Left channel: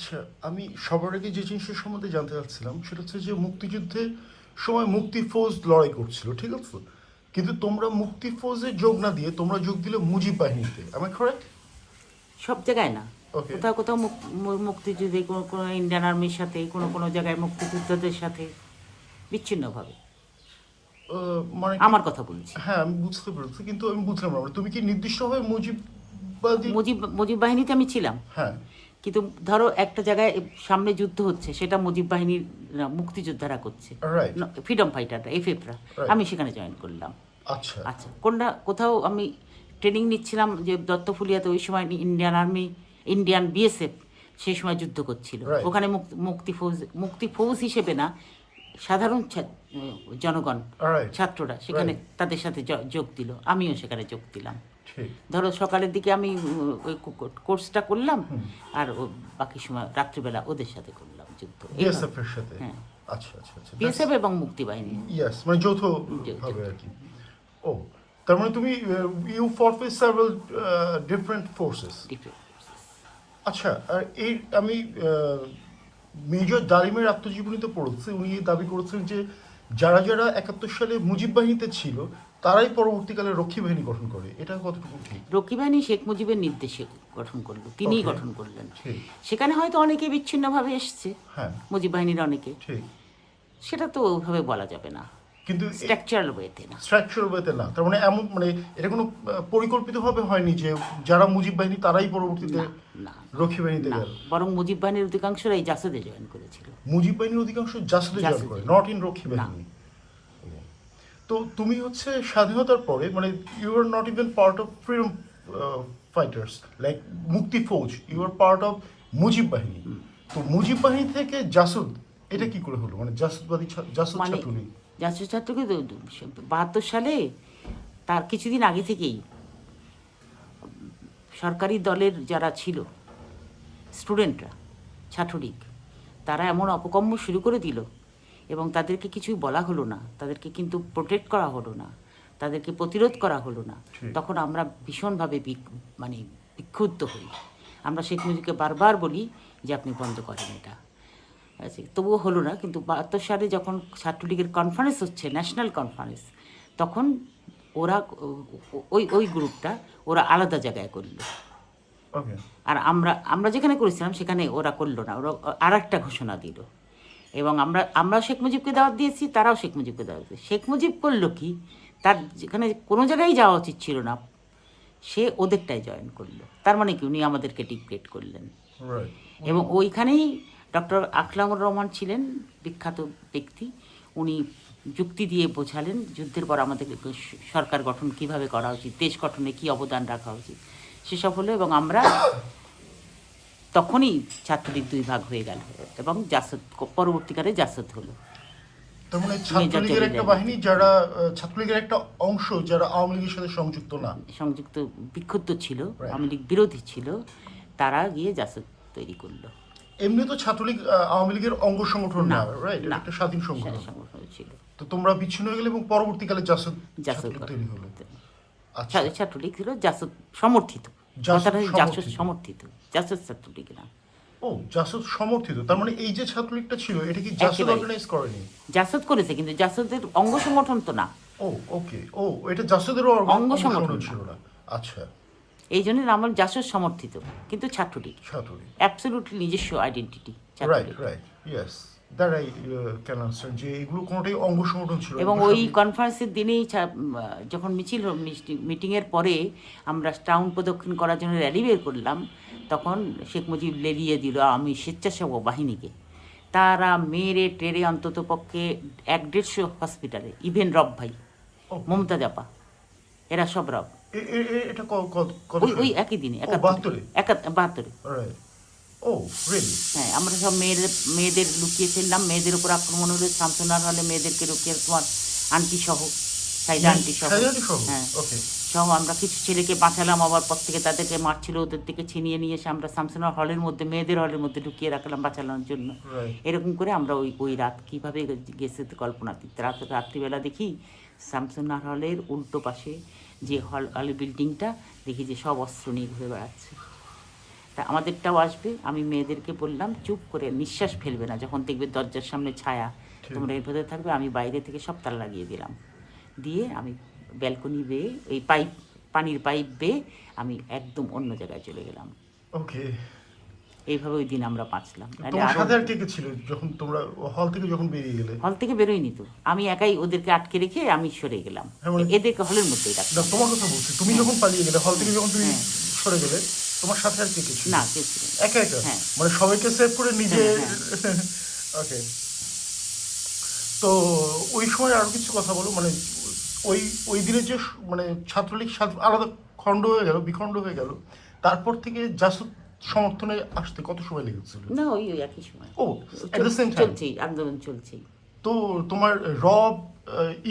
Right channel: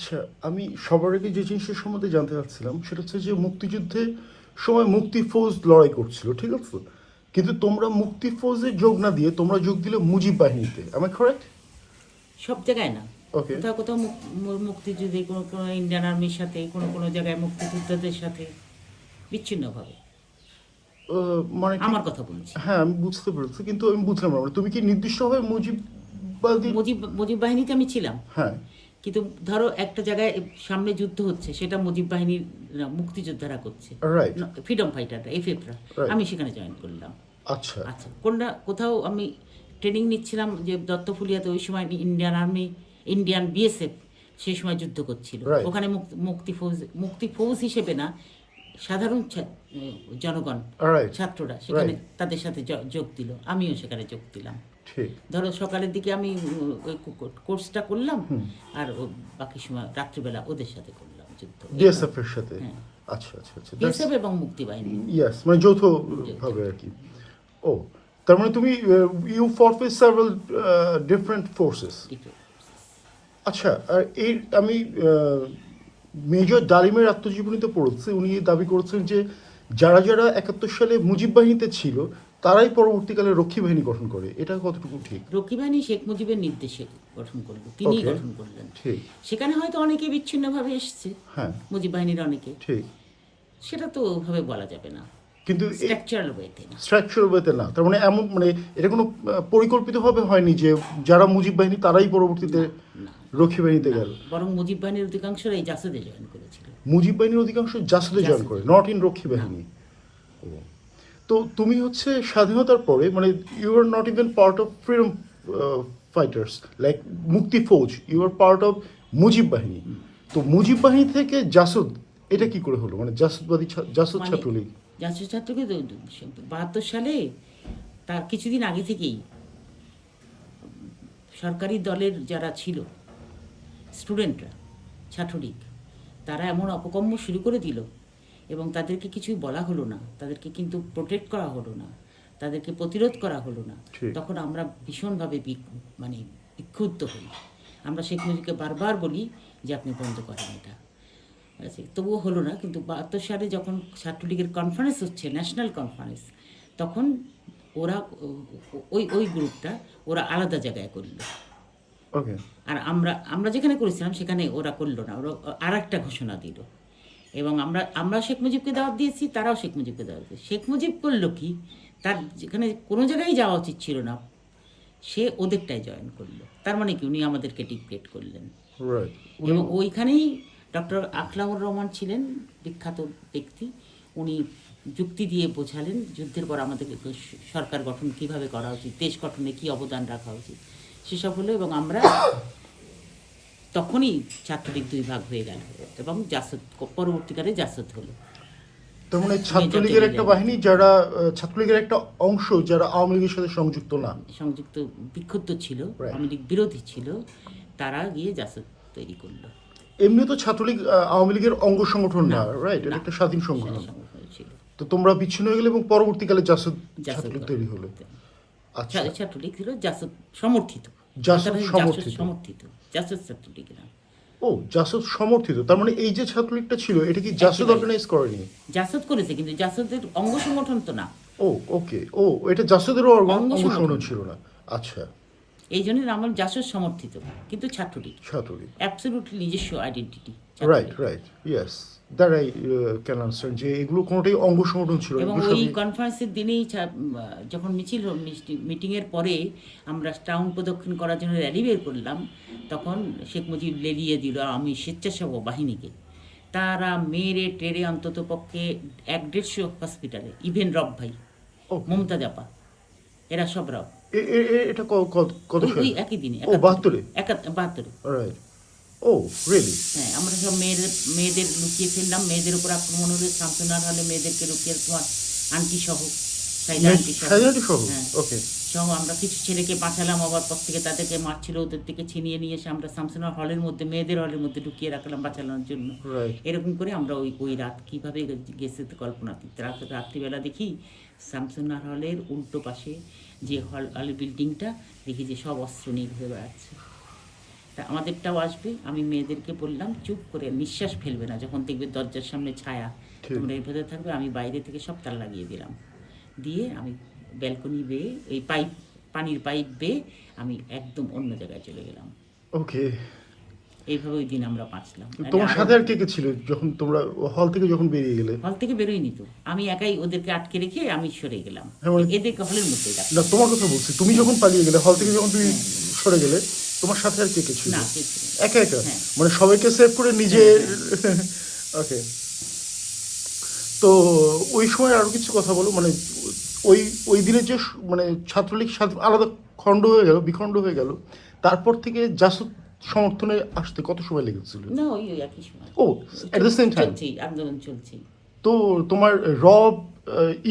আচ্ছা, আমি সবার আগে যে জিনিসের সম্বন্ধে জানতে চাচ্ছিলাম সেটা হচ্ছে যে মুক্তিযুদ্ধের সময় মুক্তি ফৌজ লড়াই করছিল, ঠিক আছে? কিন্তু তোমরা মুক্তি ফৌজে যোগ না দিয়ে তোমরা যোগ দিলে মুজিব বাহিনীতে, আমার কারেক্ট? সব জায়গায় না, ওকে। কোথাও কোথাও মুক্তিযুদ্ধে কোনো কোনো ইন্ডিয়ান আর্মির সাথে, কোনো কোনো জায়গায় মুক্তিযোদ্ধাদের সাথে বিচ্ছিন্নভাবে। মানে আমার কথা বলছি। হ্যাঁ, আমি বুঝতে পেরেছি, কিন্তু আমি বুঝলাম না তুমি কি নির্দিষ্টভাবে মুজিববাদী? মুজিব বাহিনীতে আমি ছিলাম, হ্যাঁ। কিন্তু ধরো একটা জায়গায় সামনে যুদ্ধ হচ্ছে, সেটা মুজিব বাহিনীর না, মুক্তিযোদ্ধারা করছে, রাইট। ফ্রিডম ফাইটাররা, এফএফরা, Right. আমি সেখানে জয়েন করলাম। আচ্ছা। আচ্ছা, কোথাও আমি ট্রেনিং নিচ্ছিলাম যে দত্তফুলিয়াতে, ওই সময় ইন্ডিয়ান আর্মি, ইন্ডিয়ান বিএসএফ সেই সময় যুদ্ধ করছিল। Right. ওখানে মুক্তি ফৌজ হিসেবে না, সাধারণ জনগণ, Right. ছাত্ররা সেখানে Right. তাদের সাথে যোগ দিল, আমিও সেখানে যোগ দিলাম। ঠিক। ধরো সকালের দিকে আমি ওই কোর্সটা করলাম, আর বাকি সময় রাত্রিবেলা ওদের সাথে করলাম যুদ্ধ। বিএসএফ এর সাথে? হ্যাঁ, আচ্ছা আচ্ছা আচ্ছা। বিএসএফ এবং মুক্তি বাহিনী। ইয়েস, মানে যৌথ ভাবে আর কি। ও, তার মানে তুমি ইউ ফরফেস সেভারাল ডিফারেন্ট ফোর্সেস। আচ্ছা, আর এই আমি মেজর ডালিমের আত্মজীবনীতে পড়েছি, উনি দাবি করেছেন যে যারা যারা 71 সালে মুজিব বাহিনীতে ছিল তারাই পরবর্তীকালে রক্ষী বাহিনী গঠন করে। এটা কতটুকু ঠিক? রক্ষী বাহিনী শেখ মুজিবের নির্দেশে গঠন করলো, তিনিই Okay. গঠন করলেন। ঠিক। সেখানে হয়তো অনেকে বিচ্ছিন্নভাবে এসছে, হ্যাঁ। মুজিব বাহিনীর অনেকে, ঠিক। সেটা তো ওভাবে বলা যাবে না, কিন্তু স্ট্রাকচারাল ওয়েতে না। স্ট্রাকচারাল ওয়েতে না, তার মানে এমন মানে এটা কোনো পরিকল্পিতভাবে হয়নি যে যারা মুজিব বাহিনী তারাই পরবর্তীতে না, রক্ষী বাহিনীতে না, যাবে। বরং মুজিব বাহিনীর অধিকাংশরাই জাসদে জয়েন করেছিল। মুজিব বাহিনীর অধিকাংশ জাসদে জয়েন করে, জাসদে। নট ইন রক্ষী বাহিনী। তো তুমি হচ্ছে স্বাধীনতার পরে মানে you are not even part of freedom fighters like Mukti Fauj, you are part of Mujib Bahini. তো মুজিব বাহিনী থেকে জাসদ এটা কি করে হলো, মানে জাসদবাদী জাসদ মানে ছাত্রলীগ? জাতীয় ছাত্রকে 72 সালে, তার কিছুদিন আগে থেকেই সরকারি দলের যারা ছিল স্টুডেন্টরা, ছাত্রলীগ, তারা এমন অপকর্ম শুরু করে দিল, এবং তাদেরকে কিছুই বলা হলো না, তাদেরকে কিন্তু প্রোটেক্ট করা হলো না, তাদেরকে প্রতিরোধ করা হলো না। ঠিক। তখন আমরা ভীষণভাবে মানে বিক্ষুব্ধ হই। আমরা শেখ মুজিবকে বারবার বলি যে আপনি বন্ধ করেন এটা। আচ্ছা, তবুও হলো না। কিন্তু 72 সালে যখন ছাত্রলীগের কনফারেন্স হচ্ছে, ন্যাশনাল কনফারেন্স, তখন ওরা ওই গ্রুপটা ওরা আলাদা জায়গায় করলো, ওকে। আর আমরা যেখানে করেছিলাম সেখানে ওরা করলো না, ওরা আর একটা ঘোষণা দিল। এবং আমরা শেখ মুজিবকে দাওয়াত দিয়েছি, তারাও শেখ মুজিবকে দাওয়াত দিয়েছে। শেখ মুজিব করলো কি, তার যেখানে কোনো জায়গায় যাওয়া উচিত ছিল না, সে ওদেরটাই জয়েন করলো। তার মানে কি, উনি আমাদেরকে ডিক্টেট করলেন। রাইট। এবং ওইখানেই ডক্টর আকলামুর রহমান ছিলেন বিখ্যাত ব্যক্তি, উনি যুক্তি দিয়ে বোঝালেন যুদ্ধের পর আমাদের সরকার গঠন কিভাবে করা উচিত, দেশ গঠনে কী অবদান রাখা উচিত, সেসব হলো। এবং আমরা তখনই ছাত্রলীগ দুই ভাগ হয়ে গেল, এবং জাসদ পরবর্তীকালে জাসদ হলো। তো মানে ছাত্রলীগের একটা বাহিনী যারা ছাত্রলীগের একটা অংশ যারা আওয়ামী লীগের সাথে সংযুক্ত না, সংযুক্ত, বিক্ষুব্ধ ছিল, আওয়ামী লীগ বিরোধী ছিল, তারা গিয়ে জাসদ তৈরি করলো। এমনি তো ছাত্রলীগ আওয়ামী লীগের অঙ্গ সংগঠন না, না, রাইট? না, একটা স্বাধীন সংগঠন সংগঠন ছিল। তো তোমরা বিচ্ছিন্ন হয়ে গেলে এবং পরবর্তীকালে জাসদ জাসদ তৈরি হলো। আচ্ছা। ছাত্রলীগ ছিল জাসদ সমর্থিত, জাসদ কথাটা জাসদ সমর্থিত। সমর্থিত, জাসদ ছাত্রলীগ না। ও, জাসদ সমর্থিত, তার মানে এই যে ছাত্রলীগটা ছিল এটা কি জাসদ একেবারে। অর্গানাইজ করেনি? জাসদ করেছে, কিন্তু জাসদের অঙ্গ সংগঠন তো না। ও, ওকে। ও, এটা জাসদেরও অঙ্গ সংগঠন ছিল না। আচ্ছা। এই জন্য আমার জাসদ সমর্থিত, কিন্তু ছাত্রলীগ ছাত্রলীগ। অ্যাবসলিউটলি নিজস্ব identity right, Chhatra League. Right, yes, that I can answer যে এগুলো কোনোটাই অঙ্গ সংগঠন ছিল না। এবং ওই কনফারেন্সের দিনেই যখন মিছিল মিটিংয়ের পরে আমরা টাউন প্রদক্ষিণ করার জন্য র্যালি বের করলাম, তখন শেখ মুজিব লেলিয়ে দিল আমি স্বেচ্ছাসেবক বাহিনীকে। তারা মেরে টেরে অন্তত পক্ষে 150 হসপিটালে, ইভেন রব ভাই, মমতাজ আপা, এরা সব রব, এটা ওই একই দিনে, 72-এ। রাইট। ও, রিয়েলি? হ্যাঁ, আমরা সব মেয়েদের লুকিয়ে ফেললাম, মেয়েদের উপর আক্রমণ হলো, শামসুনার হলে মেয়েদেরকে লুকিয়ে, তোমার আন্টি সহ, সাইদা আন্টি সহ, হ্যাঁ ওকে। সহ আমরা কিছু ছেলেকে বাঁচালাম, আবার পর থেকে তাদেরকে মারছিল, ওদের থেকে ছিনিয়ে নিয়ে এসে আমরা শামসুনার হলের মধ্যে, মেয়েদের হলের মধ্যে লুকিয়ে রাখলাম বাঁচানোর জন্য। এরকম করে আমরা ওই রাত কীভাবে গেছে তো কল্পনাতীত। রাত্রিবেলা দেখি শামসুনার হলের উল্টো পাশে যে হল বিল্ডিংটা, দেখি যে সব অস্ত্র নিয়ে ঘুরে বেড়াচ্ছে। তা আমাদেরটাও আসবে। আমি মেয়েদেরকে বললাম চুপ করে নিঃশ্বাস ফেলবে না, যখন দেখবে দরজার সামনে ছায়া তোমরা এর ভেতরে থাকবে। আমি বাইরে থেকে সব তালা লাগিয়ে দিলাম, দিয়ে আমি ব্যালকনি বেয়ে এই পানির পাইপ বেয়ে আমি একদম অন্য জায়গায় চলে গেলাম। ওকে। এইভাবে ওই দিন আমরা বাঁচলাম। তোমার সাথে আর কে কে ছিল যখন তোমরা হল থেকে বেরিয়ে গেলে? হল থেকে বেরোয়নি তো, আমি একাই ওদেরকে আটকে রেখে আমি সরে গেলাম। এদেরকে হলের মধ্যেই রাখলাম। না, তোমার কথা বলছি, তুমি যখন পালিয়ে গেলে হল থেকে, যখন তুমি সরে গেলে, তোমার সাথে আর কে কে ছিল? না, কেউ ছিল না। একা একা? হ্যাঁ। মানে সবাইকে সেভ করে নিজে? ওকে। তো ওই সময় আরো কিছু কথা বলো, মানে ওই ওই দিনে যে মানে ছাত্রলীগ আলাদা খণ্ড হয়ে গেল, বিখণ্ড হয়ে গেল, তারপর থেকে জাসদ সমর্থনে আসতে কত সময় লেগেছিল? না, ওই ওই একই সময়। ও, at the same time? চলছেই, আন্দোলন চলছেই। তো তোমার রব,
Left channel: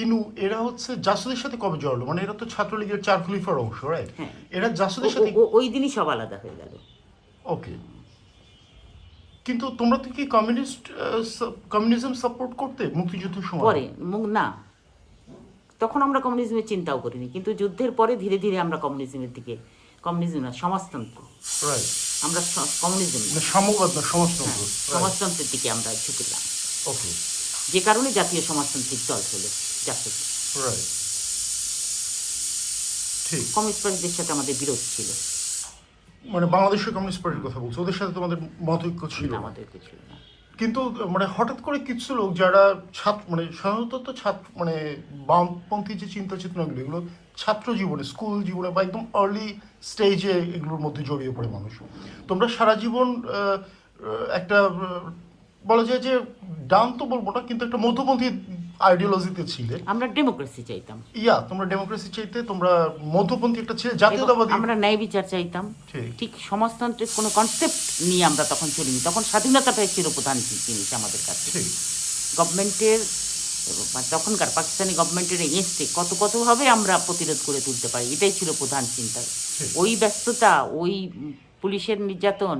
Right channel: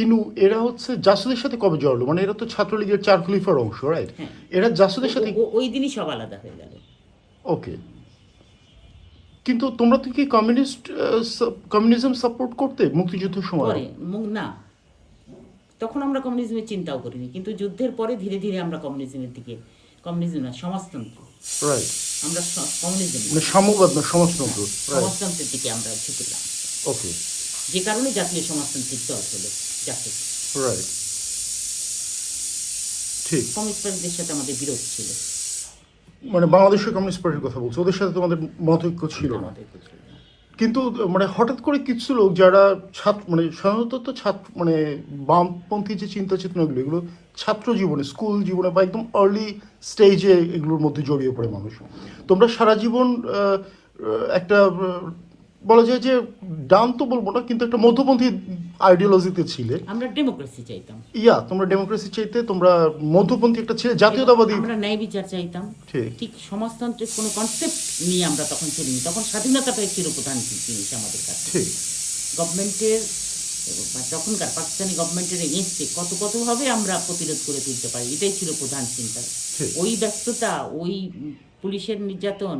ইনু, এরা হচ্ছে জাসদের সাথে কবে জড়ালো? মানে এরা তো ছাত্রলীগের চার খলিফার অংশ, রাইট? হ্যাঁ। এরা জাসদের সাথে? ওই দিনই সব আলাদা হয়ে গেল। ওকে। কিন্তু তোমরা তো কি কমিউনিজম সাপোর্ট করতে মুক্তিযুদ্ধের সময়? পরে না, তখন আমরা কমিউনিজমের চিন্তাও করিনি, কিন্তু যুদ্ধের পরে ধীরে ধীরে আমরা কমিউনিজমের দিকে, কমিউনিজম না, সমাজতন্ত্র, রাইট, আমরা কমিউনিজম মানে সাম্যবাদ না, সমাজতন্ত্র। সমাজতন্ত্রের দিকে আমরা ঝুঁকিলাম। ওকে। যে কারণে জাতীয় সমাজতান্ত্রিক দল হলো জাসদ। রাইট, ঠিক। কমিউনিস্ট পার্টিদের সাথে আমাদের বিরোধ ছিল। মানে বাংলাদেশের কমিউনিস্ট পার্টির কথা বলছো, ওদের সাথে তোমাদের মতৈক্য ছিল না, না? আমাদের কিছু না। কিন্তু মানে হঠাৎ করে কিছু লোক যারা মানে সাধারণত তো মানে বামপন্থী যে চিন্তা চেতনাগুলো, এগুলো ছাত্র জীবনে, স্কুল জীবনে বা একদম আর্লি স্টেজে এগুলোর মধ্যে জড়িয়ে পড়ে মানুষ। তোমরা সারা জীবন একটা বলা যায় যে ডান তো বলবো না, কিন্তু একটা মধ্যপন্থী আইডিওলজিতে ছিলে। আমরা ডেমোক্রেসি চাইতাম। তোমরা ডেমোক্রেসি চাইতে, তোমরা মধ্যপন্থী একটা ছিলে, জাতীয়তাবাদী। আমরা ন্যায় বিচার চাইতাম। ঠিক সমাজতন্ত্রের কোনো কনসেপ্ট নিয়ে আমরা তখন চলিনি। তখন স্বাধীনতাটাই ছিল প্রধান জিনিস আমাদের কাছে। গভর্নমেন্টের, তখনকার পাকিস্তানি গভর্নমেন্টের এগেনস্টে কতভাবে আমরা প্রতিরোধ করে তুলতে পারি, এটাই ছিল প্রধান চিন্তা। ওই ব্যস্ততা, ওই পুলিশের নির্যাতন,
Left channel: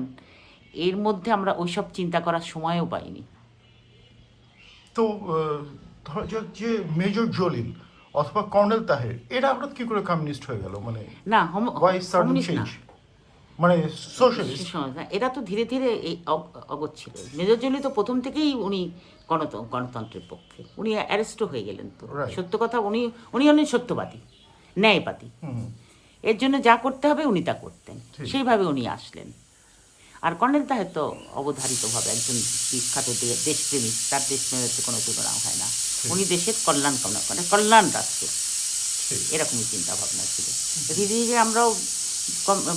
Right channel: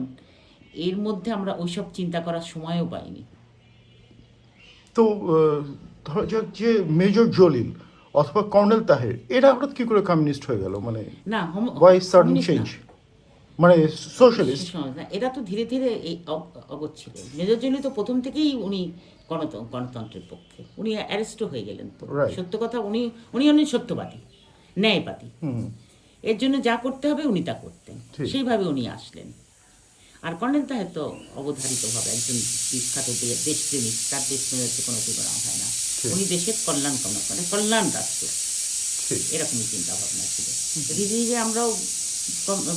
এর মধ্যে আমরা ওইসব চিন্তা করার সময়ও পাইনি। তো যে মেজর জলিল অথবা কর্নেল তাহের, এরা হঠাৎ কি করে কমিউনিস্ট হয়ে গেল? মানে না, কমিউনিস্ট না, মানে সোশ্যালিস্ট। এরা তো ধীরে ধীরে অগোচ্ছিল। মেজর জলিল তো প্রথম থেকেই উনি গণতন্ত্রের পক্ষে। উনি অ্যারেস্টও হয়ে গেলেন তো। সত্য কথা, উনি সত্যবাদী, ন্যায়বাদী। এর জন্য যা করতে হবে উনি তা করতেন, সেইভাবে উনি আসলেন। আর কর্নেল তাহের তো অবধারিতভাবে একজন বিখ্যাত দেশপ্রেমিক, তার দেশপ্রেমের কোনো তুলনা হয় না। উনি দেশের কল্যাণ কামনা করেন, কল্যাণ রাষ্ট্র, এরকমই চিন্তা ভাবনা ছিল। ধীরে ধীরে আমরাও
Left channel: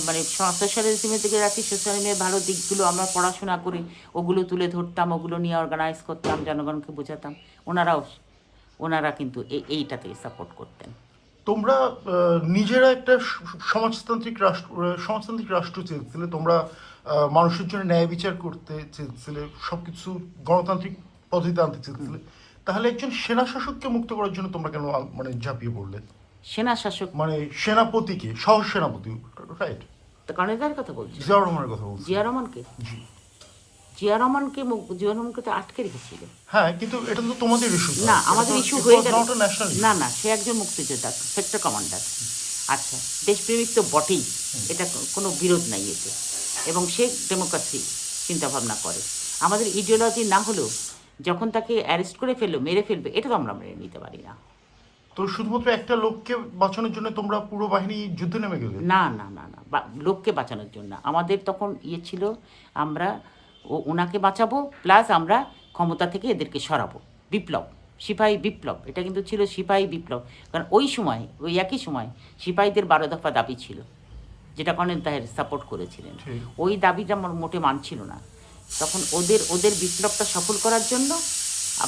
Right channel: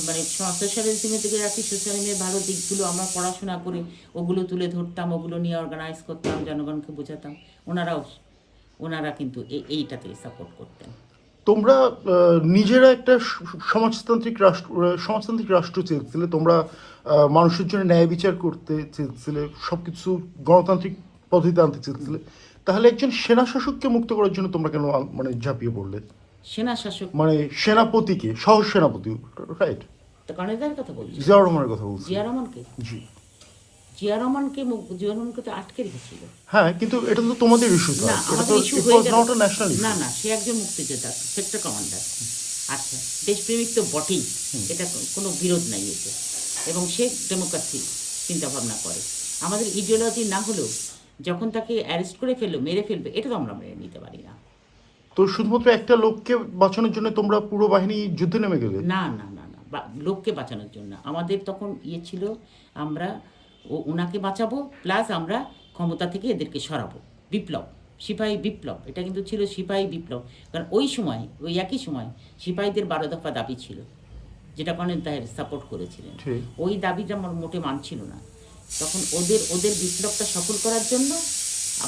মানে সোশ্যালিজমের দিকে রাখি, সোশ্যালিজমের ভালো দিকগুলো আমরা পড়াশোনা করে ওগুলো তুলে ধরতাম, ওগুলো নিয়ে অর্গানাইজ করতাম, জনগণকে বোঝাতাম। ওনারা কিন্তু এইটাতে সাপোর্ট করতেন। তোমরা নিজেরা একটা সমাজতান্ত্রিক রাষ্ট্র চেয়েছিলে, তোমরা মানুষের জন্য ন্যায় বিচার করতে চেয়েছিলে, সবকিছু গণতান্ত্রিক পদ্ধতিতে আনতে চেয়েছিলে। তাহলে একজন সেনা শাসককে মুক্ত করার জন্য তোমরা কেন মানে ঝাঁপিয়ে পড়লে? সেনা শাসক মানে সেনাপতিকে, সহ সেনাপতি, রাইট? তো কর্নেল তাহের কথা বলছি, জিয়া রহমানের কথা বলছি। জিয়া রহমানকে তো আটকে রেখেছিল। হ্যাঁ, কিন্তু এটা তো তোমাদের ইস্যু না, আমাদের ইস্যু হয়ে গেল। না, সে একজন মুক্তিযোদ্ধা, সেক্টর কমান্ডার। আচ্ছা, দেশপ্রেমিক তো বটেই, এটা কোনো বিরোধ নাই এতে। এবং সে ডেমোক্রেসি চিন্তাভাবনা করে। আমাদের ইডিওলজি না হলেও যখন তাকে অ্যারেস্ট করে ফেললো, মেরে ফেলবে, এটা তো আমরা মেনে নিতে পারি না। তো শুধুমাত্র একটা লোককে বাঁচানোর জন্য তোমরা পুরো বাহিনী যুদ্ধে নেমে গেলে? না, লোককে বাঁচানোর জন্য আমাদের তখন ছিল, আমরা ওনাকে বাঁচাবো, প্লাস আমরা ক্ষমতা থেকে এদেরকে সরাবো। বিপ্লব, সিপাহী বিপ্লব, এটা কিন্তু ছিল সিপাহী বিপ্লব। কারণ ওই একই সময় সিপাহীদের 12 দফা দাবি ছিল, যেটা কর্নেল তাহের সাপোর্ট করেছিলেন। ওই দাবিটা আমার মোটে মানছিল না। তখন ওদের বিপ্লবটা সফল করার জন্য,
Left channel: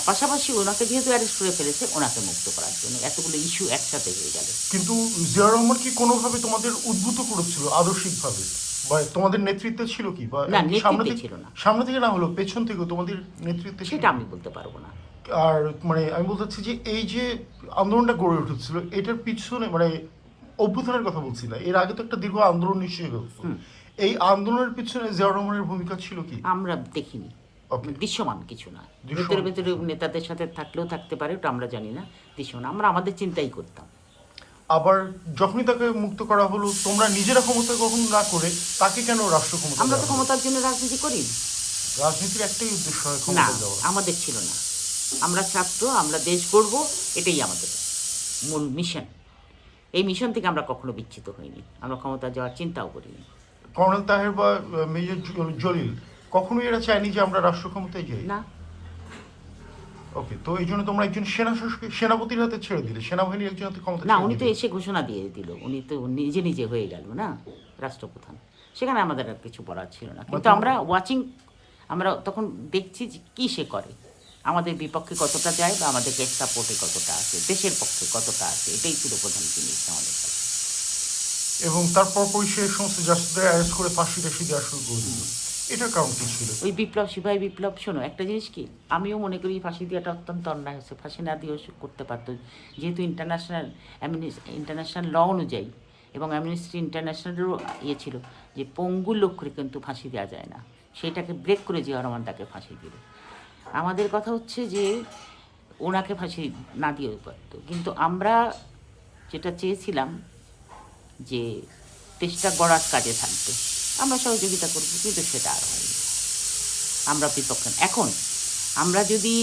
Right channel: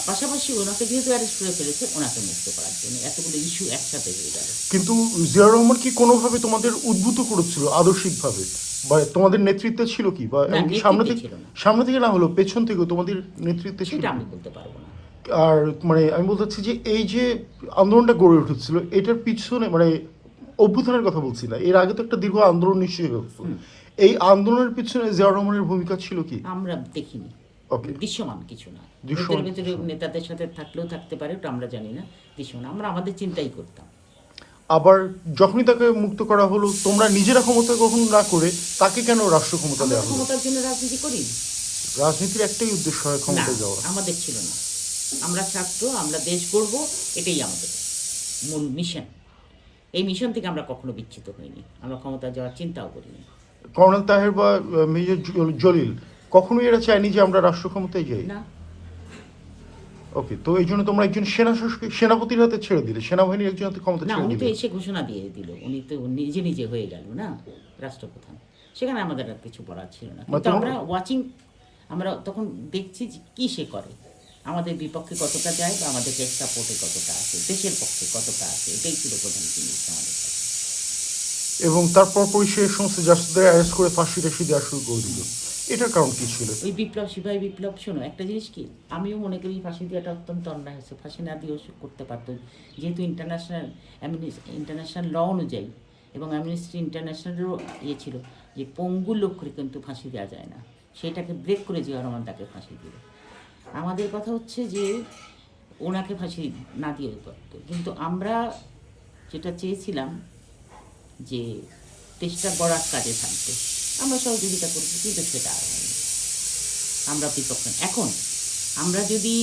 পাশাপাশি ওনাকে যেহেতু অ্যারেস্ট করে ফেলেছে, ওনাকে মুক্ত করার জন্য এতগুলো ইস্যু একসাথে হয়ে গেল। কিন্তু জিয়া রহমান কি কোনোভাবে তোমাদের উদ্বুদ্ধ করেছিল আদর্শিকভাবে, বা তোমাদের নেতৃত্বে ছিল কি? বা না, নেতৃত্বে ছিল না। সামনে থেকে না হলো পেছন থেকে তোমাদের নেতৃত্বে? সেটা আমি বলতে পারবো না। আর মানে আমি বলতে চাচ্ছি যে এই যে আন্দোলনটা গড়ে উঠেছিল, এটার পিছনে মানে অভ্যুত্থানের কথা বলছি না, এর আগে তো একটা দীর্ঘ আন্দোলন নিশ্চয়ই হচ্ছে। এই আন্দোলনের পিছনে জিয়া রহমানের ভূমিকা ছিল কি? আমরা দেখিনি, দৃশ্যমান কিছু না। ভেতরে নেতাদের সাথে থাকলেও থাকতে পারে, ওটা আমরা জানি না। দৃশ্যমান, আমরা আমাদের চিন্তাই করতাম। আবার যখনই তাকে মুক্ত করা হলো তোমরা নিজেরা ক্ষমতা গ্রহণ না করে তাকে কেন রাষ্ট্র ক্ষমতা আমরা তো দেওয়া হলো? ক্ষমতার জন্য রাজনীতি করি না। রাজনীতির একটাই উদ্দেশ্য হয় না, ক্ষমতা দেওয়া। আমাদের ছিল না। আমরা ছাত্র, আমরা দেশ গড়ব, এটাই আমাদের মূল মিশন। এই মিশন থেকে আমরা কখনো বিচ্যুত হইনি, আমরা ক্ষমতা যাওয়ার চিন্তাও করিনি। কর্নেল তাহের বা মেজর জলিল কখনোই এরা চায়নি যে আমরা রাষ্ট্র ক্ষমতায় যাই। না, ওকে, তো এই জন্য তোমরা একজন সেনাপতির হাতে ছেড়ে দিলে, সেনাবাহিনীর একজন হাতে ক্ষমতা না, ছেড়ে উনি তো দিলে। এসে ঘোষণা দিয়ে দিল, উনি তো নিজে নিজে হয়ে গেল না রাষ্ট্রপ্রধান। সেখানে আমাদের আর কিছু বলার ছিল না, কিন্তু আমরা ওয়াচিং, আমরা তখন দেখছি যে কী সে করে, আমাদের বিপক্ষে কতটা যায় বা আমাদের দেশ সাপোর্টে কতটা আছে, দেশের পক্ষে কতটা আছে, এটাই ছিল প্রধান জিনিস আমাদের কাছে। এবং তারপর পরিষের সমস্ত জাস্টিসদের অ্যারেস্ট করে ফাঁসিতে দেওয়া শুরু করে দিল। এটার কারণ কি ছিল? ওই বিপ্লব, সিপাহী বিপ্লব, শোনো একটা জিনিস কি, আমিও মনে করি ফাঁসি দেওয়াটা অত্যন্ত অন্যায় হচ্ছে, ফাঁসি না দিয়েও সে করতে পারতো, যেহেতু ইন্টারন্যাশনাল ল অনুযায়ী এবং অ্যামনেস্টি ইন্টারন্যাশনালেরও ইয়ে ছিল যে পঙ্গু লোককে কিন্তু ফাঁসি দেওয়া যায় না, সেটাকে ব্রেক করে জিয়া রহমান তাকে ফাঁসি দিল। আমাদের কথা হচ্ছে যে ওনাকে ফাঁসি না দিয়েও পারতো, কিন্তু আমরা যেটা চেয়েছিলাম যে দেশটা গড়ার কাজে থাকবে, আমরা সহযোগিতা করবো, কিন্তু সেটা আর হয়নি। আমরা বিপক্ষে। এখন আমরা যদি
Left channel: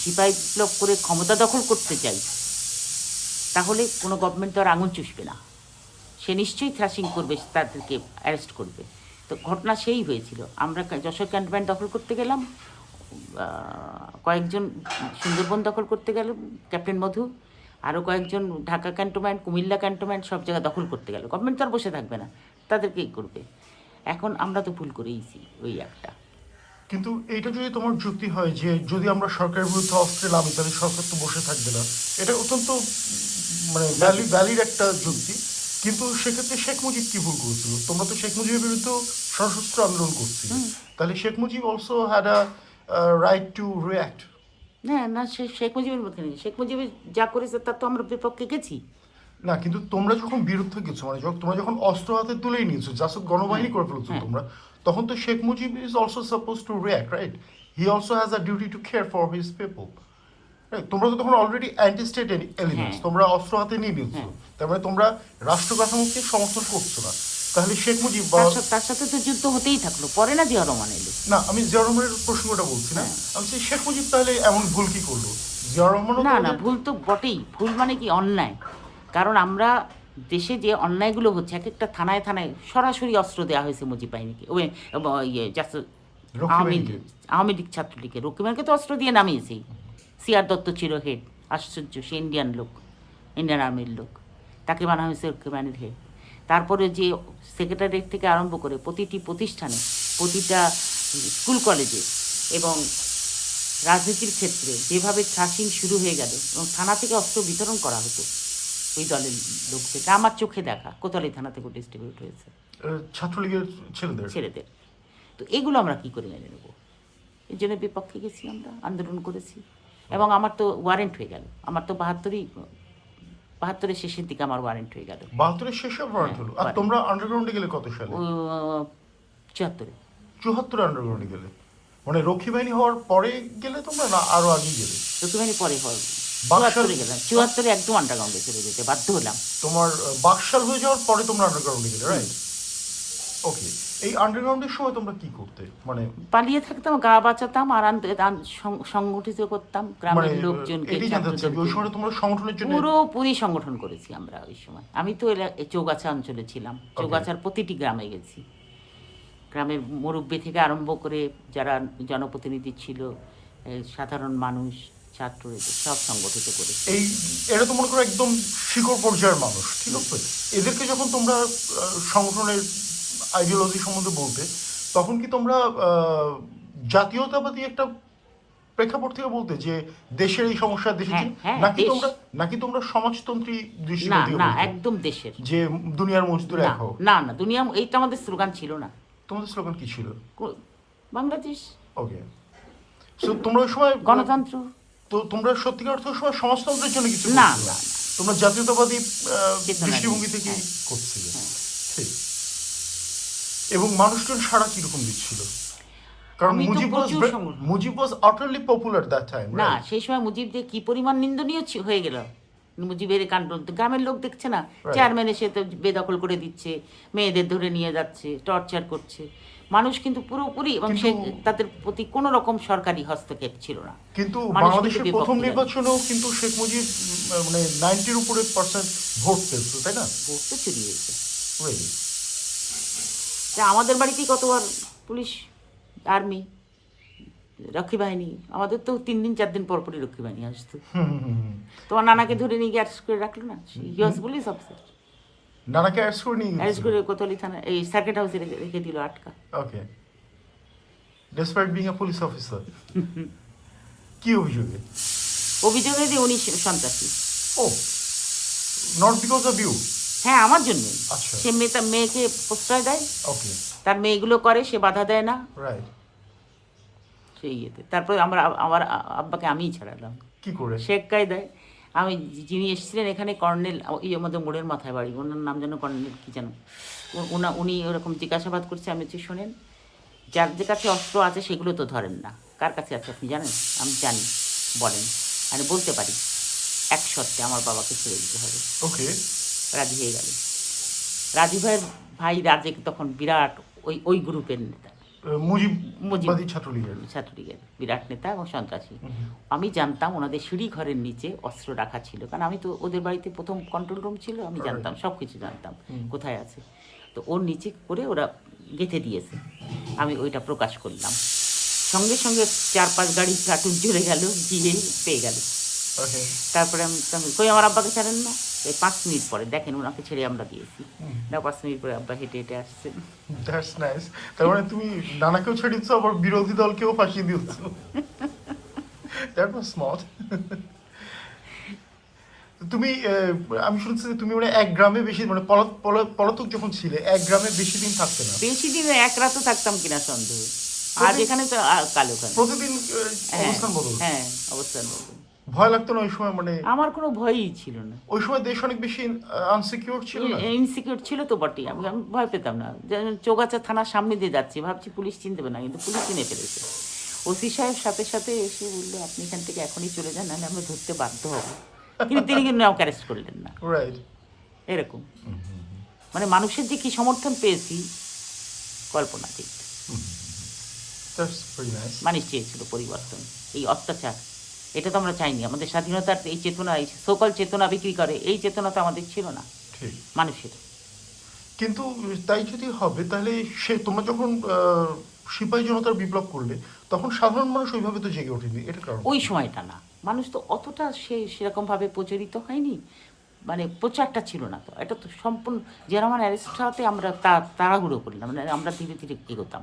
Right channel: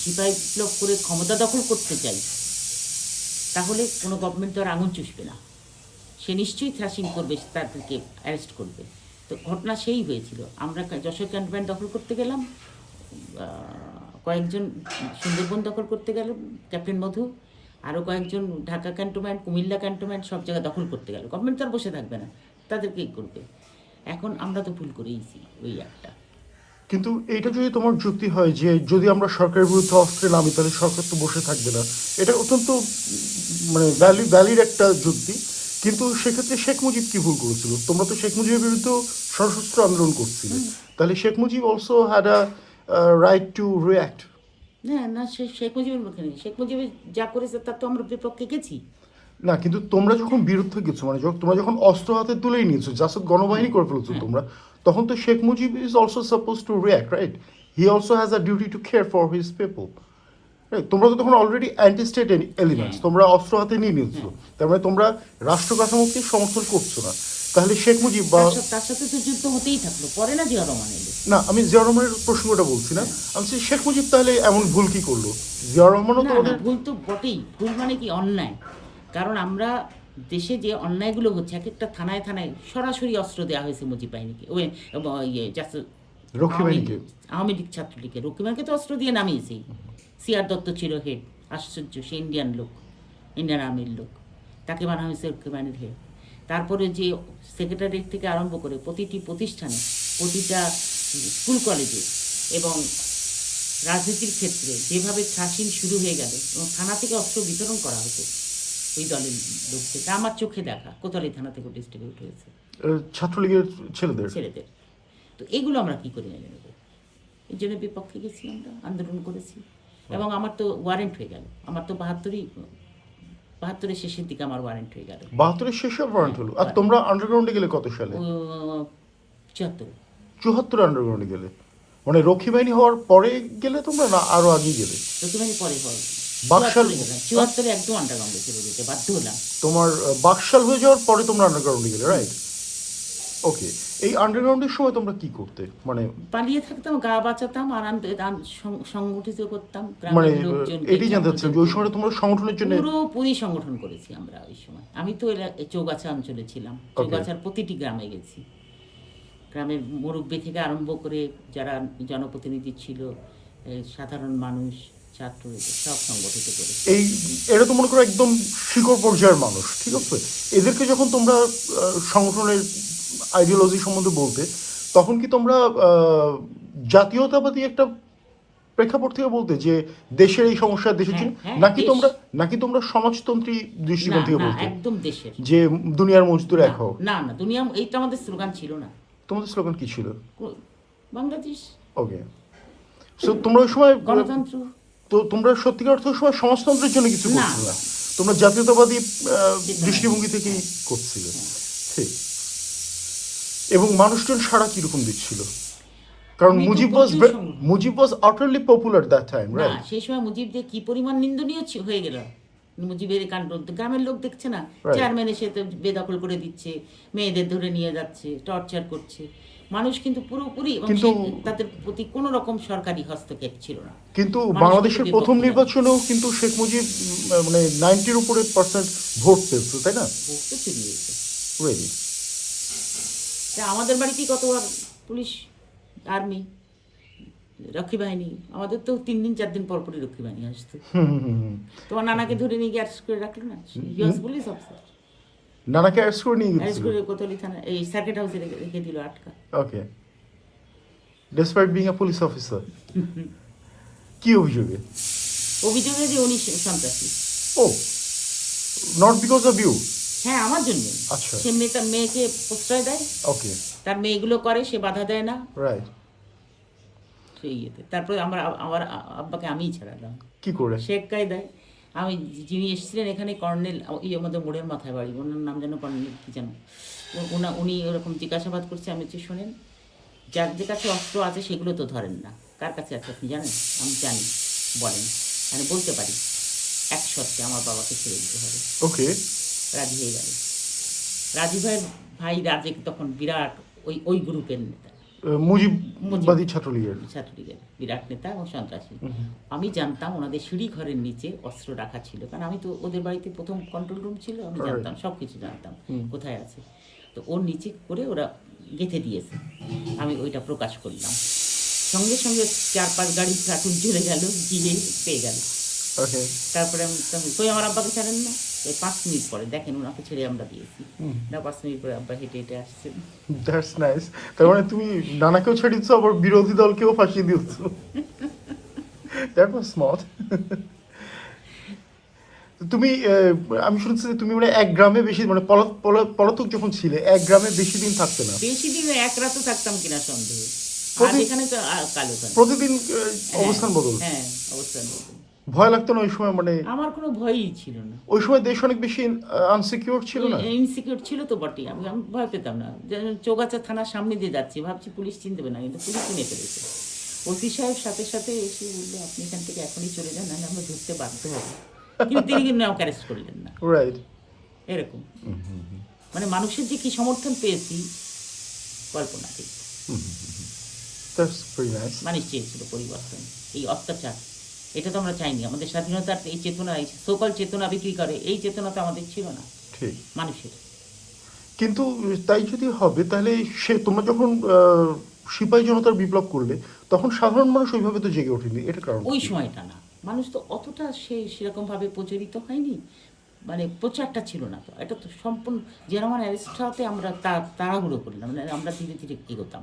সিপাহী বিপ্লব করে ক্ষমতা দখল করতে চাই, তাহলে কোনো গভর্নমেন্ট তো আর আঙুল চুষবে না, সে নিশ্চয়ই থ্রাশিং করবে, তাদেরকে অ্যারেস্ট করবে। তো ঘটনা সেই হয়েছিল, আমরা যশোর ক্যান্টনমেন্ট দখল করতে গেলাম, কয়েকজন সুন্দরবন দখল করতে গেল ক্যাপ্টেন মধু, আরও কয়েকজন ঢাকা ক্যান্টনমেন্ট, কুমিল্লা ক্যান্টনমেন্ট, সব জায়গা দখল করতে গেল। গভর্নমেন্ট তো আর বসে থাকবে না, তাদেরকেই করবে। এখন আমরা তো ভুল করেইছি ওই একটা। কিন্তু এইটা যদি তোমার যুক্তি হয় যে যদি আমরা সরকারের বিরুদ্ধে অস্ত্রে নামি তাহলে সরকার তো বসে থাকবে না, এটা অত্যন্ত মানে ভ্যালিড একটা যুক্তি। কিন্তু সেক্ষেত্রে শেখ মুজিব কি ভুল করেছিল? তোমরা তো শেখ মুজিবের বিরুদ্ধে সশস্ত্র আন্দোলন করছিল, তাহলে Sheikh Mujib also had a right two react. না না, শেখ মুজিবের মধ্যে নেই, শেখ মুজিবের যা করেছে তার তো আমরা বিপক্ষে গেছি। না, কিন্তু তোমরা যখন বিরুদ্ধে গেছো, মানে তোমরা যখন অস্ত্র হাতে তুলেই নিয়েছো, জাসদ গণবাহিনী করে ফেলছো তোমরা, তখন তো Sheikh Mujib is also suppose two react, right? He also has a duty to care for his people. তোমরা তো তখন অলরেডি অ্যান্টি স্টেট এলিমেন্টস, তোমরা অস্ত্র হাতে নিয়ে নিয়েছো, তার মানে তোমরা রাষ্ট্র কাঠামোকে সমর্থন করছো না। তাহলে শেখ মুজিব তার সাথে তো যুদ্ধ হতেই থাকলো, পরে না জিয়া রহমান এলো। না, আমি জিয়া রহমানের প্রশ্নটা বলছি না, আমি বলছি শেখ মুজিব তাহলে এমন ভুল কি করলো? জিয়া রহমান না না, ভুল তো বটেই, ভুল মানে কি অন্যায়। কারণ আমরা দেশে যে অন্যায়গুলো হচ্ছে, এক একটা থানায় থানায় সরাসরি অস্ত্র দেওয়া হয়েছে মুজিব বাহিনীকে, ওই ইয়ে আওয়ামী লীগ ছাত্রলীগকে, রকিমানকে তো অস্ত্র দিয়ে নামিয়েছেই। সিআর দত্ত ছিল হেড, আশ্চর্য, সে ইন্ডিয়ান লোক, ইন্ডিয়ান আর্মির লোক, তাকে বানানো হয়েছে রকিমানের হেড। তারপরে যে সেক্রেটারিয়েট থেকে আরম্ভ করে প্রতিটি প্রতিষ্ঠানে, প্রতিটা স্কুল কলেজে এবং রাজনীতির ক্ষেত্রে যেভাবে থ্রাশিং শুরু হয়ে গেল এবং থানা থেকে অস্ত্র বিতরণ করা হতো ওই দলের লোকদেরকে, আমার চোখে দেখা কোতোয়ালি থানা থেকে ডিস্ট্রিবিউট হয়েছে ছাত্রলীগের ছেলেদের। তো এগুলো আমরা কী করে মেনে নেব? এই জন্য বিপক্ষে গেছি, আমরা আন্দোলন করেছি, এবং আমার তো ওয়ারেন্ট হয়ে গেল। আমার তো বাহাত্তরের শেষের দিকে আমার ওয়ারেন্ট হয়ে গেল। 72-এর শেষে ওয়ারেন্ট হলো। আর তোমরা আন্ডারগ্রাউন্ডে গেলে কত সালে? 74-এ। 74 আন্ডারগ্রাউন্ডে গেলে, মানে রক্ষী বাহিনী হওয়ার পরে গেলে তোমরা, না আরো আগে গেলে? রক্ষীবাহিনী পরে হয়, 74-এ গেলাম, 74-এ একদম আন্ডারগ্রাউন্ডে চলে যেতে বাধ্য হলাম। তোমার বাকশাল হয়ে যাওয়ার পরে তোমরা আন্ডারগ্রাউন্ডে গেলে, রাইট? ওকে, এই আন্ডারগ্রাউন্ডের সময় তোমরা কি করতে? মানে পালিয়ে থাকতাম, গা বাঁচাতাম, আর সংগঠিত করতাম গ্রামের লোকজনকে, ছাত্রদের। ওই সময় তোমরা সংগঠনের জন্য পুরোপুরি সংগঠন করেছি আমরা ওই সময়। আমি তো চৌগাছা অঞ্চলে ছিলাম, চৌগাছার প্রতিটি গ্রামে গেছি, গ্রামের মুরব্বী থেকে আরম্ভ করে যারা জনপ্রতিনিধি ছিল, সাধারণ মানুষ, ছাত্র, সব সংগঠিত করেছি। এরা তো মনে করো একদম শিকড় পর্যায়ের মানুষ, ঠিক আছে? এদেরকে যখন তোমরা সংগঠনের আইডিওলজি সম্বন্ধে বলতে, তখন কি তোমরা জাতীয়তাবাদী একটা প্রেক্ষাপট থেকে বলতে যে দেশের এই সমস্যা দেখেছি, নাকি তোমরা সমাজতন্ত্রী দৃষ্টিভঙ্গি? না, একদম দেশের, যে দুনিয়ার মজদুর এক হোক? না, দুনিয়া, এইটা আমাদের স্লোগান ছিল না। তোমাদের স্লোগান কি ছিল? বাংলাদেশ। ওকে, সো তোমরা ওই সময় গণতন্ত্র। তো তোমরা সত্যিকার অর্থে সময় সমাজতন্ত্রের জন্য কিছু না, তোমরা জাতীয়তাবাদী দৃষ্টিভঙ্গি থেকে করছিলে, ঠিক? এবং মানুষজন সারা কিরকম দিচ্ছিল? কারণ মুজিব ওয়াজ আটারলি পপুলার দ্যাট টাইম। না, সেই সময় মুজিব যে কি পরিমাণ নিন্দনীয় হয়ে গেল, মুজিবের কাণ্ড গ্রামের লোক দেখছে না, চেয়ারম্যান এসে তো বেদখল করে দিচ্ছে, মেয়েদের ধরে নিয়ে যাচ্ছে, টর্চার করছে। মানুষ কিন্তু পুরোপুরি, এবং সে তাদের প্রতি কোনো রকম সরকারি হস্তক্ষেপ ছিল না। কিন্তু মানুষ কিন্তু বাংলাদেশের প্রথম বিপক্ষে নির্বাচনেও কিন্তু শেখ মুজিব মানে 90-র উপরে % ভোট পেয়েছিল, তাই না? ভোট তো চুরি হয়েছে। Really? তা আমাদের বাড়িতেই কতবার পুলিশ, আর্মি, রক্ষী বাহিনী, আমাদের তো 3 দিন 4 দিন পর পরই রক্ষী বাহিনী আসতো। তোমার নানাকে ধরে নিয়ে গিয়ে অ্যারেস্ট করে রাখলো না, ইউএস পুলিশ অফিসার, নানাকে অ্যারেস্ট করে নিয়ে অ্যারেস্ট গিয়েছিল? করে কোতোয়ালি থানা এই সার্কিট হাউসে রেখে দিল আটকা। Okay, despite being a police officer. কি অভিযোগে? অভিযোগে যে উনি সন্ত্রাসী। ও, নট বিকজ অফ ইউ? হ্যাঁ, আমার জন্য। আচ্ছা। সে মেয়েকে প্রশ্রয় দেয়, ওকে, তার মেয়েগুলো করে, সে বাধা দেয় না, রাইট। সেই ইয়েতে। তারপরে আমার আব্বাকে আমিই ছাড়ালাম কি করে? শেখ কায়দায়। আমি যিনি এসেছিলেন এখানে, কর্নেল, এই আমাদের মোড়ের মাথায় বাড়ি, ওনার নাম যেন কর্নেল কি যেন, উনি ওরকম জিজ্ঞাসাবাদ করছে। আমি হচ্ছে শোনেন, যার যে কাছে অস্ত্র আছে সেগুলো তো ধরেন না, কার কাছে আছে আপনি জানেন? আমি জানি, বলেন। আমি বলতে পারি, এক শর্তে আমার বাবাকে ছেড়ে দিতে হবে। ওকে, রাজি হয়ে গেল। রাজি ভাইয়ের ভাই রাজেক তখন বিরাট ওই গ্রুপের নেতা, মুজিববাদী ছাত্রলীগের। ছাত্রলীগের বিরাট নেতা এবং সন্ত্রাসী। আমি জানতাম ওনাদের সিঁড়ি ঘরের নিচে অস্ত্র রাখা ছিল, কারণ আমি তো ওদের বাড়িতে প্রথম কন্ট্রোল রুম ছিল, আমি জানতাম, সব কিছু জানতাম কোথায় আছে। তো ওর নিচে করে ওরা গেঁথে দিয়েছে। আমি ওইটা প্রকাশ করলাম, সঙ্গে সঙ্গে 4-5 গাড়ি প্লাটুন চলে গেল, গিয়ে পেয়ে গেল। তারপরে আমি কই আমার আব্বাকে ছাড়েন না? এই 5 মিনিট পরে দেখেন ওনাকে ছেড়ে আমরা দিয়েছি। না, 5 মিনিট পরে আব্বা হেঁটে হেঁটে আসছেন। That's nice. তার মানে তুমি নানাকেও ছেড়ে দিচ্ছ, আবার বিরোধী দলকেও ফাঁকিয়ে দিচ্ছ। That was smart. তুমি আমি শুনছি যে তুমি মানে এক গ্রামে বেশি, মানে পলাতক যখন ছিলে এক গ্রামে বেশি দিন থাকতে না। বেশি দিন এক রাতও থাকতাম কিনা সন্দেহ। আজ এখানে তো কালো খান প্রতিদিন হ্যাঁ অবস্থান বদল। হ্যাঁ, অবস্থান বদল। ভয় লাগতো না ওই সময়? মানে আমার কোনো ভয়ই ছিল না। ওই সময় দেশ অনেক বেশি আনসিকিউর ছিল না? ইনসিকিউর ছিল তো বটেই, আমি ভয় পেতাম না। চৌগাছা থানার সামনে দিয়ে যাচ্ছি, ভাবছি পুলিশ চিনতে না, কিন্তু পুলিশ চিনে ফেলেছে। ওসি সাহেব সাথে সাথে এসে বললো, আপনি এখান থেকে এখনই চলে যান, নাহলে আমরা ধরতে বাধ্য হব। কিন্তু তিনি কিন্তু আমাকে অ্যারেস্ট করলেন না। রাইট। এরকম মানে মানুষের যে কি সমর্থন পেয়েছি, কল্পনা ঠিক। মানুষ চেয়েছিল পরিবর্তন, এই অত্যাচার এটা তো আমরা চাইনি। আমাদের স্বাধীনতার এই চেতনা, এই সকল চেতনা বিক্রি করে, এই চেতনা তো আমাদের ছিল না মানুষের। কিন্তু তাই যদি হবে, তাহলে তোমরা যখন সিপাহী জনতার বিপ্লব করলে, তখন সাধারণ মানুষ ওইভাবে তো জেগে ওঠেনি। এটা কারণ ওই সময়টা না, মানুষ তো অতটা সেরকমভাবে প্রচারিত হয়নি, মানে প্রচারটা ছিল না। তো এটা তো সম্পূর্ণ যেরকম অ্যারেস্ট হওয়াতে আমরা তাড়াহুড়ো করলাম, মানে আমরা ধীরে ধীরে এগোতাম,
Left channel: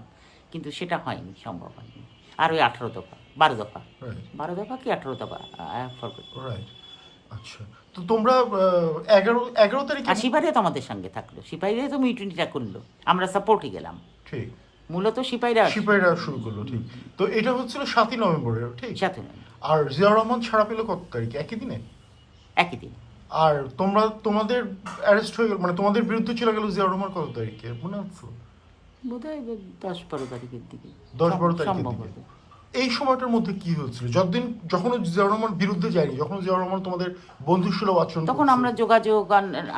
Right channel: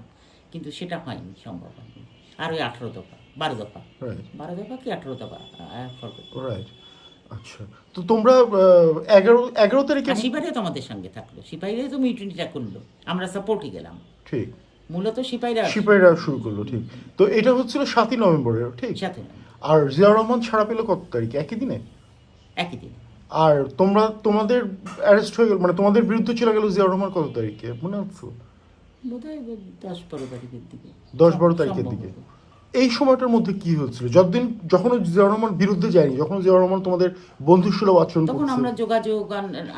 কিন্তু সেটা হয়নি, সম্ভব হয়নি। আর ওই 12 দফা 12 দফা 18 দফা আচ্ছা। তো তোমরা 11 তারিখে আর সিপাহীরা তো আমাদের সঙ্গে থাকলো, সিপাহীরা তো মিউটিনিটা করলো, আমরা সাপোর্টে গেলাম। ঠিক, মূলত সিপাহীরা শুরু করলো। ঠিক, তো এটা হচ্ছিল 7ই নভেম্বরে। ঠিক, 7ই নভেম্বর। আর জিয়া রহমান ছাড়া পেল কত তারিখে? একই দিনে? একই দিন। আর তোমাদের অ্যারেস্ট হয়ে গেল, মানে তোমাদের বিরুদ্ধে চলে গেল জিয়া রহমান কত তারিখে মনে হচ্ছে? বোধহয় 10-12 তারিখের দিকে, 10-12 তারিখের সম্ভবত। দিকে। এই সময়টার মধ্যে কি হচ্ছিল? যখন জিয়া রহমান বিরুদ্ধে যায়নি, যখন জিয়া রহমান তোমাদের বন্ধুসুলভ আচরণ, তখন আমরা যোগাযোগ,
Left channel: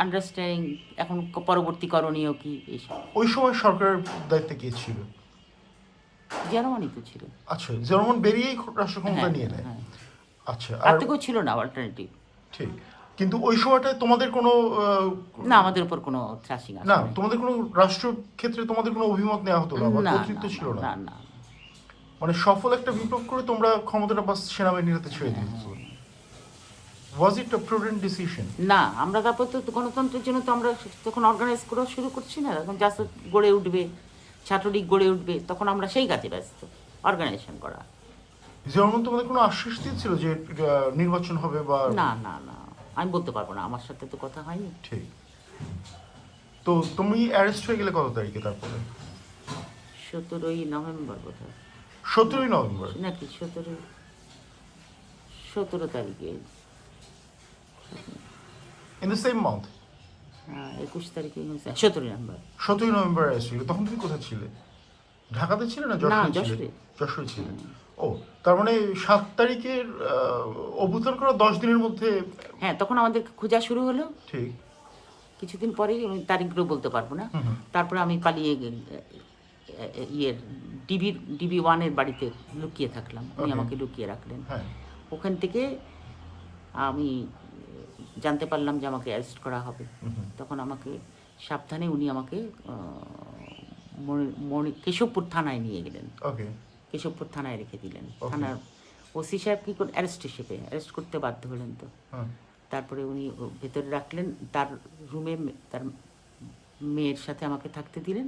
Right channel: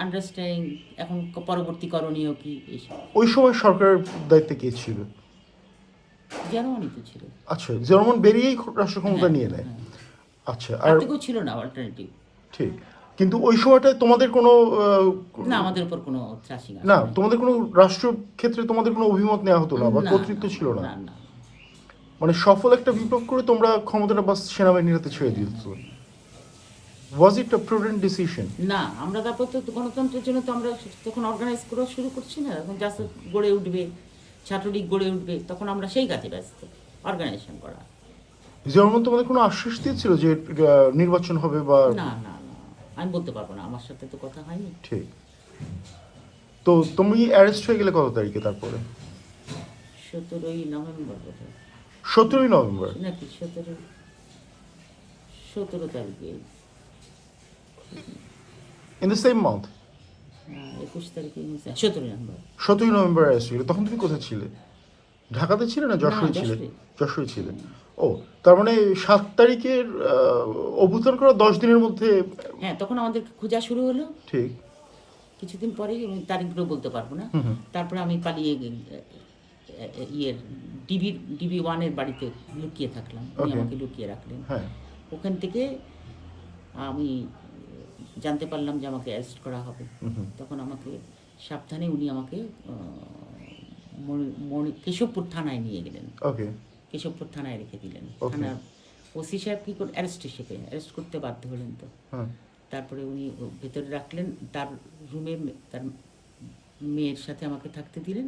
আন্ডারস্ট্যান্ডিং, এখন পরবর্তী করণীয় কি, এইসব। ওই সময় সরকারের দায়িত্বে কে ছিল? জিয়া রহমানই তো ছিল। আচ্ছা, জিয়া রহমান বেরিয়েই রাষ্ট্র ক্ষমতা নিয়ে নেয়। হ্যাঁ। আচ্ছা, আর তো কেউ ছিল না অল্টারনেটিভ। ঠিক, কিন্তু ওই সময়টায় তোমাদের কোনো না, আমাদের উপর কোনো থ্রাশিং আসে না, না। তোমাদের কোনো রাষ্ট্র ক্ষেত্রে তোমাদের কোনো অভিমত নেওয়া হতো না, বা কর্তৃত্ব ছিল না? না না, মানে সফল একটা বিপ্লব করে তোমরা ক্ষমতাটা বাস সেনাবাহিনীর হাতে ছেড়ে দিয়েছো। ওয়াজ ইট আ প্রুডেন্ট ডিসিশন? না, আমরা তারপর তো গণতন্ত্রের জন্য তো আমরা তখন অর্গানাইজ করা শুরু করছি না, তখন জাসদ গড়ে উঠবে, ছাত্রলীগ গড়ে উঠবে, তখন আমরা সেই কাজে ব্যস্ত, অর্গানাইজেশন করা। জিয়া রহমান তোমাদের কোনো আশ্বাস দিয়েছিল যে নির্বাচন হবে বা? না না না, আমি বলতে পারবো না, আমার সাথে তো কথা হয়নি। ঠিক। তো তুমি অ্যারেস্ট হয়ে গেলে কত তারিখে? তারপরে 17ই নভেম্বর বোধহয়। 17ই নভেম্বর নাকি 17 তারিখে, ইন দ্য সেম মান্থ? 21 তারিখে, 17ই নভেম্বর। 17ই নভেম্বর অ্যারেস্ট হয়ে গেলে। তখন তুমি কোথায় ছিলে? ঢাকাতে ছিলে না না, যশোরে? যশোরে। যশোরে ছিলে। ও তার মানে 7 তারিখের অভ্যুত্থান করা 10 দিনের মধ্যে। হ্যাঁ, তখন আমাদের খোঁজা শুরু হলো। ঠিক। কিছুদিন পরেই, আমি তারিখগুলো বলতে পারবো না। তারপরে আমি পালিয়ে ইয়ের ডিবি 1-এর বাড়িতে লুকিয়ে থাকলাম। উনি আমাকে লুকিয়ে রাখলেন। হ্যাঁ। ওখান থেকে আমি জানতে পারলাম যে আমাকে অ্যারেস্ট করা হবে। তখন আমাকে সাবধানে উনি আমাকে কেশবপুর থানায় নিয়ে গেলেন। ওকে। কেশবপুর থানায় রেখে দিলেন। থানার ওসি সাহেব কী করে অ্যারেস্ট করতে বাধ্য হলেন তো। তারপরে উনি ভেতরে রাখলেন, তার রুমে তার মেয়ের সাথে আমাকে থাকতে দিলেন।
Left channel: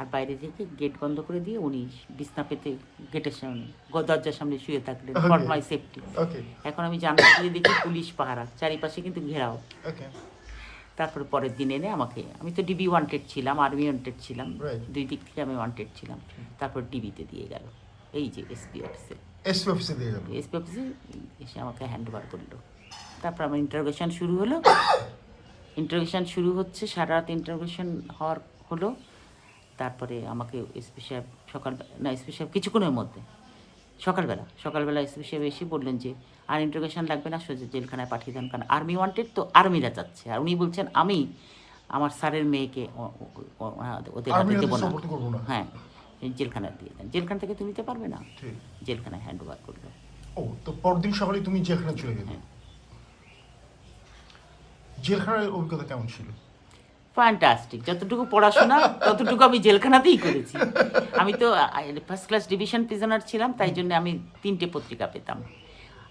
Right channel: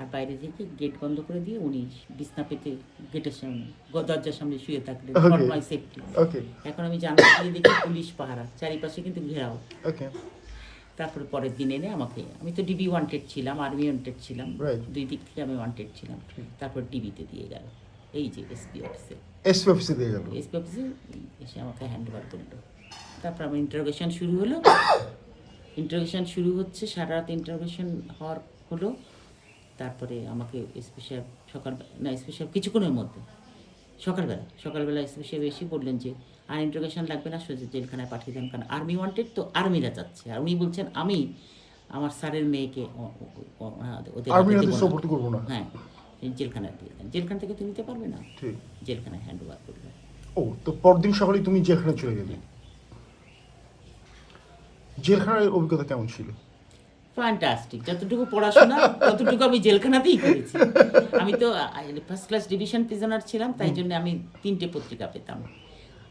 আর বাইরে থেকে গেট বন্ধ করে দিয়ে উনি বিছনা পেতে গেটের সামনে, দরজার সামনে শুয়ে থাকলেন, ফর মাই সেফটি। এখন আমি জানলা দিয়ে দেখি পুলিশ পাহারা, চারিপাশে কিন্তু ঘেরাও। তারপরে পরের দিন এনে আমাকে, আমি তো ডিবি ওয়ান্টেড ছিলাম, আর্মি ওয়ান্টেড ছিলাম, দুই দিক থেকে আমি ওয়ান্টেড ছিলাম। তারপর ডিবিতে দিয়ে গেল, এই যে এসপি অফিসে। এসপি অফিসে এসে আমাকে হ্যান্ড ওভার করলো। তারপর আমার ইন্টারোগেশন শুরু হলো। ইন্টারোগেশন শুরু হচ্ছে, সারা রাত ইন্টারোগেশন হলো। তারপরে আমাকে এসপি সাহেব এসপি সাহেব কিছুক্ষণের মধ্যে সকালবেলা এসপি সাহেব এসে বললেন যে আর ইন্টারোগেশন লাগবে না, সোজা জেলখানায় পাঠিয়ে দেন, কারণ আর্মি ওয়ান্টেড তো, আর্মিরা যাচ্ছে। আর উনি বলছেন আমি আমার স্যারের মেয়েকে ওদের হাতে দেবো না। হ্যাঁ, জেলখানায় দিয়ে দেন, জেলখানা থেকে তুমি নিতে পারবে না। জেলখানায় হ্যান্ড ওভার করলো। ও, তো পরদিন সকালে তুমি জেলখানায় চলে গেলে। জেলখানার অভিজ্ঞতা কেমন ছিল? ফ্যান্টাস্টিক। যতটুকু পড়াশোনা ততটুকু আমি জেলখানাতেই করেছি। আমি তো ফার্স্ট ক্লাস ডিভিশন প্রিজনার ছিলাম, তাই জন্য আমি 3টে পত্রিকা পেতাম।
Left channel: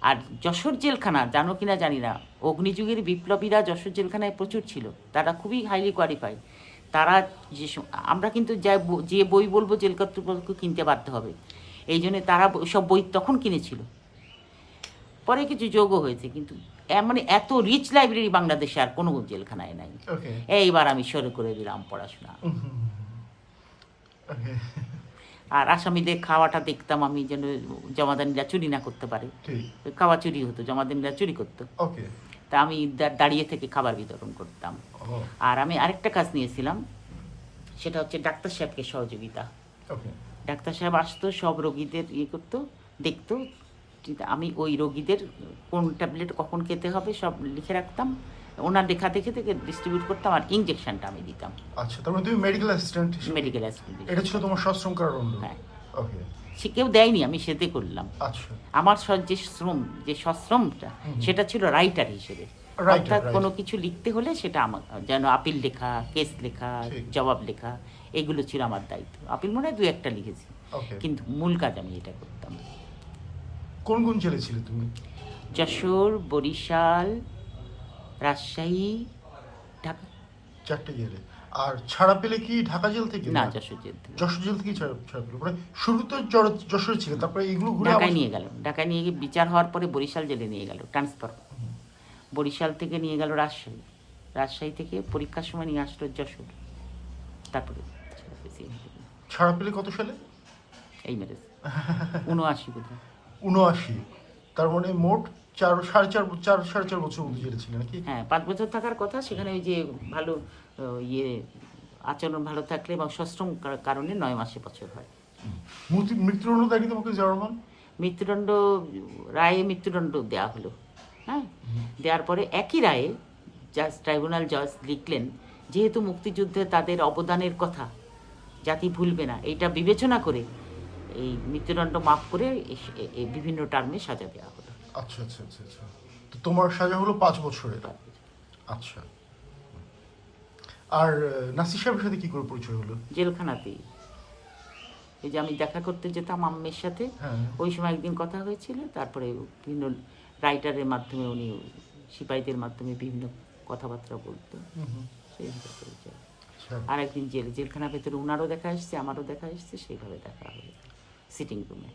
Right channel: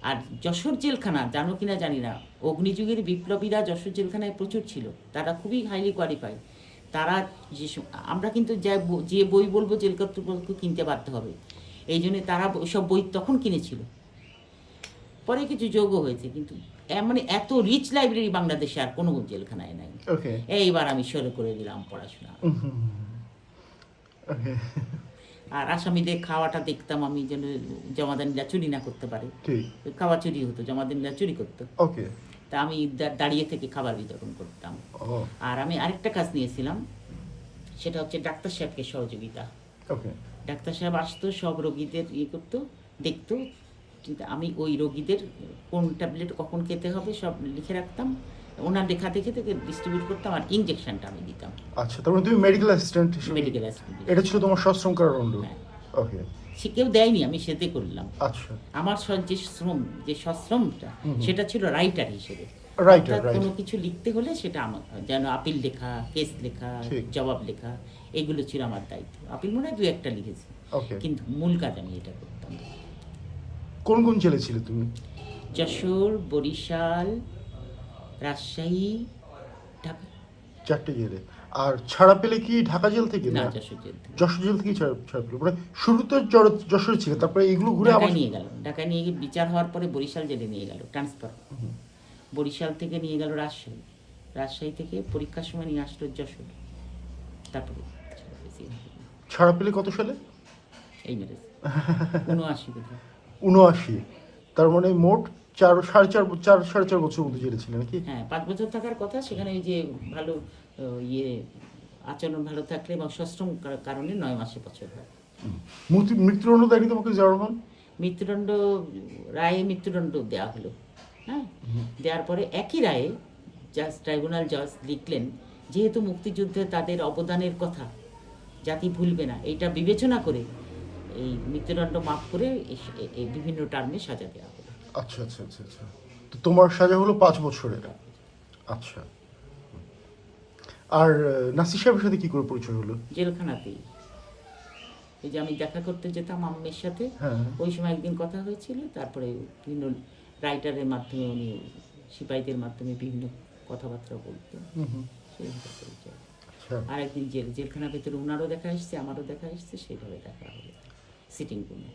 আর যশোর জেলখানা জানো কিনা জানি না, অগ্নিযুগের বিপ্লবীরা যশোর জেলখানায় প্রচুর ছিল। তারা খুবই হাইলি কোয়ালিফাইড। তারা আমরা কিন্তু যে বই বলবো জেল কর্তৃপক্ষ কিনতে বাধ্য হবে, এই জন্যে তারা সব বই তখন কিনেছিল। পরে কিছু যোগও হয়েছে, কিন্তু মানে এত রিচ লাইব্রেরি বাংলাদেশে আর কোনো জেলখানায় নাই। এইবার আমি শুরু করে দিলাম পড়াশোনা। আর আসামিদের খাওয়াটা দেখতাম আমি, যেন জমাদানিরা চুরি না করতে পারে। খাওয়া চুরি হতো, জমাদানিরা চুরি করতো। তা আমি দাঁড়িয়ে থেকে খাবার বিতরণ করতাম। আর আমি আরেকটা কাজ নিয়েছিলাম, সেটা হচ্ছে ডাক্তার সাহেবকে সহযোগিতা। ডাক্তার সাহেব আসতো, সব রোগীদের করতো, দেখতো। আমি ওই রোগীদের কোন ট্যাবলেট কখন খেতে হবে সব লিখে রাখতাম, ওনার লেখা দেখে ডিস্ট্রিবিউট করতাম, আর ইনজেকশনটা আমি দিতাম। আচ্ছা, তাহলে তুমি মেডিকেল অ্যাসিস্ট্যান্ট। এটা ছিল তোমার সশ্রম কারাদণ্ড? হ্যাঁ। সে কেউ দেয়নি, আমি সেতে করলাম। আচ্ছা। আমার যে সশ্রমটা, সেটা ছিল রাইটার হিসেবে। অর্থাৎ কোনো কিছু লিখতে হলে সেটা আমার, যেন আপিল লেখা, কেস লেখা, জবাব লেখা, এগুলো ছিল আমার দায়িত্ব। আপিল মনে হয় 2-1টা লিখেছি, কিন্তু মূল কাজ আমি এটা করতাম। কোন কোন জেলে ছিলে তুমি? যশোর, বরিশাল, রাজশাহী, ঢাকা। 4টে জেলে। আর ছাড়া পেলে কি ঢাকা জেল থেকে? না, যশোর জেল থেকে। যশোর জেল থেকে ছাড়া পেলে? মানে শুরুতে যশোর ছিল, তারপরে এইগুলো ঢাকায় নিয়ে গেল। ঢাকায় নিয়ে গিয়ে বিচার হওয়ার পরে বরিশাল জেলে নিয়ে গেল, ট্রান্সফার। বরিশাল থেকে নিয়ে গেল রাজশাহী, রাজশাহী থেকে পরীক্ষার সময় নিয়ে আসলো যশোর। তারপরে ছাড়া পেলে কত সালে? এই মেরেজ 79 বোধহয়। 79। তার মানে মোট 4.5 বছর জেলে ছিল নাকি? হ্যাঁ, 5 বছর থাকার কথা। সেখানে ওই যে ভালো আচরণ ভালো থাকলে এবং সশ্রম কারণে 9 মাসে বছর হয়। মৃত্যুদণ্ড দেয়নি তোমাকে জওয়ারমান? মৃত্যুদণ্ড দেওয়া হলো। হ্যাঁ, দেওয়ার পরে একই রায়ে ট্রাইব্যুনাল জজ লিখলেন, যেহেতু মুক্তিযুদ্ধে তাদের অবদানের কথা জাতি ভুলবে না, এইটা বিবেচনা করে এই মৃত্যুদণ্ড মাফ করে বিভিন্ন টার্মে সাজা দেওয়া হলো। আচ্ছা আচ্ছা আচ্ছা আচ্ছা। তো তোমার সাজা হলো 5 বছরের। আচ্ছা। আর নাসির সাহেবের সাথে কি করে পরিচয় হলো? জেলখানাতেই। এই যে আমি দেখা করতে যেতাম আম্মের সাথে, ওই সময় একদিন কথা হয়েছিল। তারপরে বিভিন্ন রাইটারের মাধ্যমে, উনি সিপাহীদের মাধ্যমে বিভিন্ন কথাবার্তা বলতেন, সেইভাবে পরিচয়। আর একদিন জেলখানার ভেতরে ওনারও দেখা এসছে, আমারও দেখা এসছে, সেইভাবে দেখা হলো সিটিং রুমে।